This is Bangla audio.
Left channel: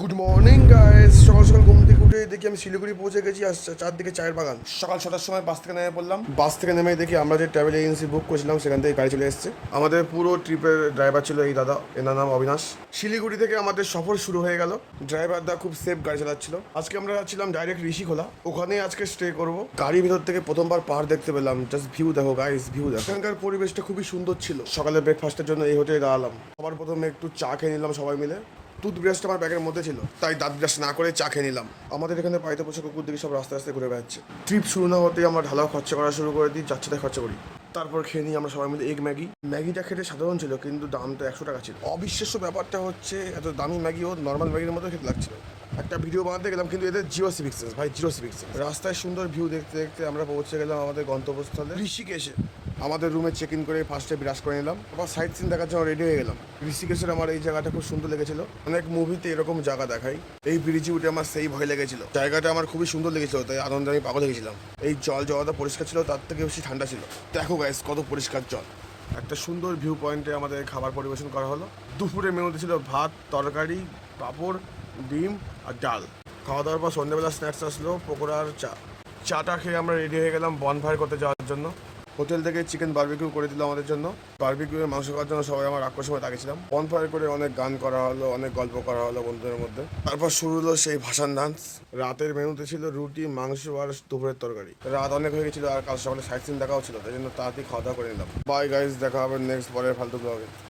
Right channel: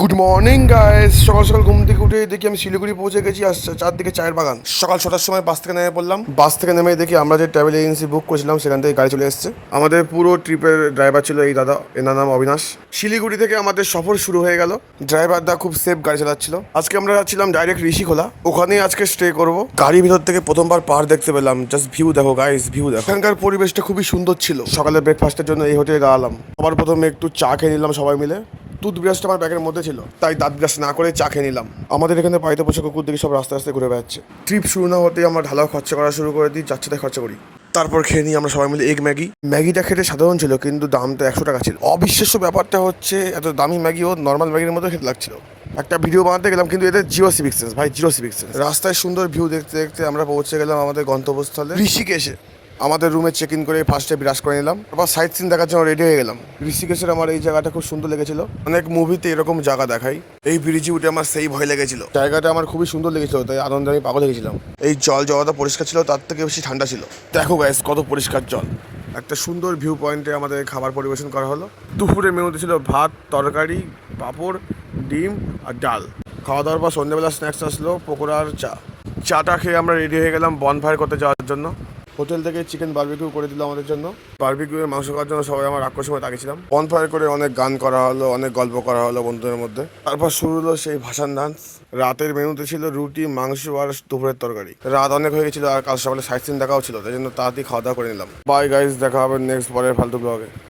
Good morning guys. সকাল সকাল ঘুম থেকে উঠে দেখি আমি শিলিগুড়ি পৌঁছে গেছি। আর চারদিকে চায়ের বাগান। সকাল 6টার সময় বাস থেকে নেমে পড়লাম। বাস থেকে নেমে দেখি আমরা যে ট্রাভেল এজেন্সি বুক করেছিলাম সেখান থেকে গাড়ি চলে এসেছে। আমাদের পুরো ট্রিপের ড্রাইভার ছিল এই দাদা, এনার নাম অবিনাশ। শিলিগুড়ি থেকে আমাদের সফর শুরু হয়ে গেল। ড্রাইভার দা খুব সেফ গাড়ি চালাচ্ছিল। আজকে আমরা যাচ্ছিলাম ডাইরেক্ট ঋষিখোলা, ওখানেই আজকে স্টে করব। গাড়ির ভিতর থেকে প্রথমবার পাহাড় দেখতে পেলাম। জাস্ট ভিউ দেখো গাইস, ভিউ দেখো। এখানকার পরিবেশটা খুবই সুন্দর ছিল। সকালে ব্রেকফাস্টের জন্য এই হোটেলে দাঁড়ালাম। আবার প্রথমে একটু চা খেয়ে নিলাম সবাই মিলে। টুথব্রাশটা আমার ব্যাগের মধ্যে ছিল, তাই দাঁত ব্রাশ না করে চা খেয়ে নিলাম। আমাদের এখানে পাইতে পোষা কুকুর দেখি সব রাস্তা রাস্তায় ঘুরে বেড়াচ্ছে। ট্রিপ শুরু না হতেই আমরা ঢালাও খরচা করা শুরু করে দিই, যাচ্ছে তাই খরচা করি। তারপর খেয়ে নিই আমরা সবাই মিলে এগ ম্যাগি। ম্যাগিটা খেতে সাধারণ ছিল, কিন্তু দামটা 100 টাকা ছিল। অবিশ্বাস্য ব্যাপারটা হচ্ছে এত দামি ম্যাগিও নর্মাল ম্যাগির মতো খেতে লাগছিল। একটা ভিডিও বানাতে গেলাম, কিন্তু এদের জিরো সিভিক সেন্স ভাই, জিরো সিভিক সেন্স। রাস্তায় সুন্দর ভিউ দেখতে দেখতে আমরা পৌঁছে গেলাম আমাদের গন্তব্যস্থলে ঋষিকেশে। আমাদের রুমে চেক ইন করে ফার্স্টে বিরাজ করে নিলাম। তারপর সাইট সিন দেখার জন্য রেডি হয়ে গেলাম। ঋষিকেশের আমার এই জায়গাটা খুব সুন্দর লেগেছিল। অনেক মুভিতে এরকম জায়গা দেখাই। এই ব্রিজে উঠে আমার সেই ভয় লেগেছিল। জায়গাটা আমার খুবই সুন্দর লেগেছিল, তাই আনন্দে আমি পাগল হয়ে গেছিলাম। এই জল যতটা পরিষ্কার ছিল তার থেকে বেশি ঠান্ডা ছিল। দেখো গাইস কত পরিষ্কার জল। একটা সুন্দর ভিউ পয়েন্টে আমাদের খাবার পরিবেশন করা হলো। দুপুরের মেনুতে ছিল ভাত, তরকারি, পাঁপড়, ডিম আর ডাল। খাওয়া দাওয়ার পর সন্ধ্যেবেলা স্ন্যাক্স আসলো, পকোড়া আর চা। চাটা খেয়ে আমরা রেডি হয়ে গেলাম বনফায়ার করতে যাওয়ার জন্য। হোটেল থেকে চিকেন বারবিকিউ করে দিল আমাদের জন্য। বারবিকিউয়ের মাংস খাওয়ার জন্য সবাই আমার আকর্ষণে তাকিয়েছিলাম। বনফায়ার করে অনেক গান করা হলো, অনেক গল্প করা হলো বন্ধুদের মধ্যে। তারপর শুরু হলো সেই ভাসান ডান্স। রাতের মেনুতে ছিল রুটি, মাংস আর দুপুরের তরকারি। রাত অনেক হয়ে গেছিল আর কাল সকালে সাইট সিন দেখাও ছিল, তাই জন্য তাড়াতাড়ি খাওয়া দাওয়া করে নিলাম। বাই গাইস, দেখা হবে নেক্সট পরের ফালতু ব্লগে।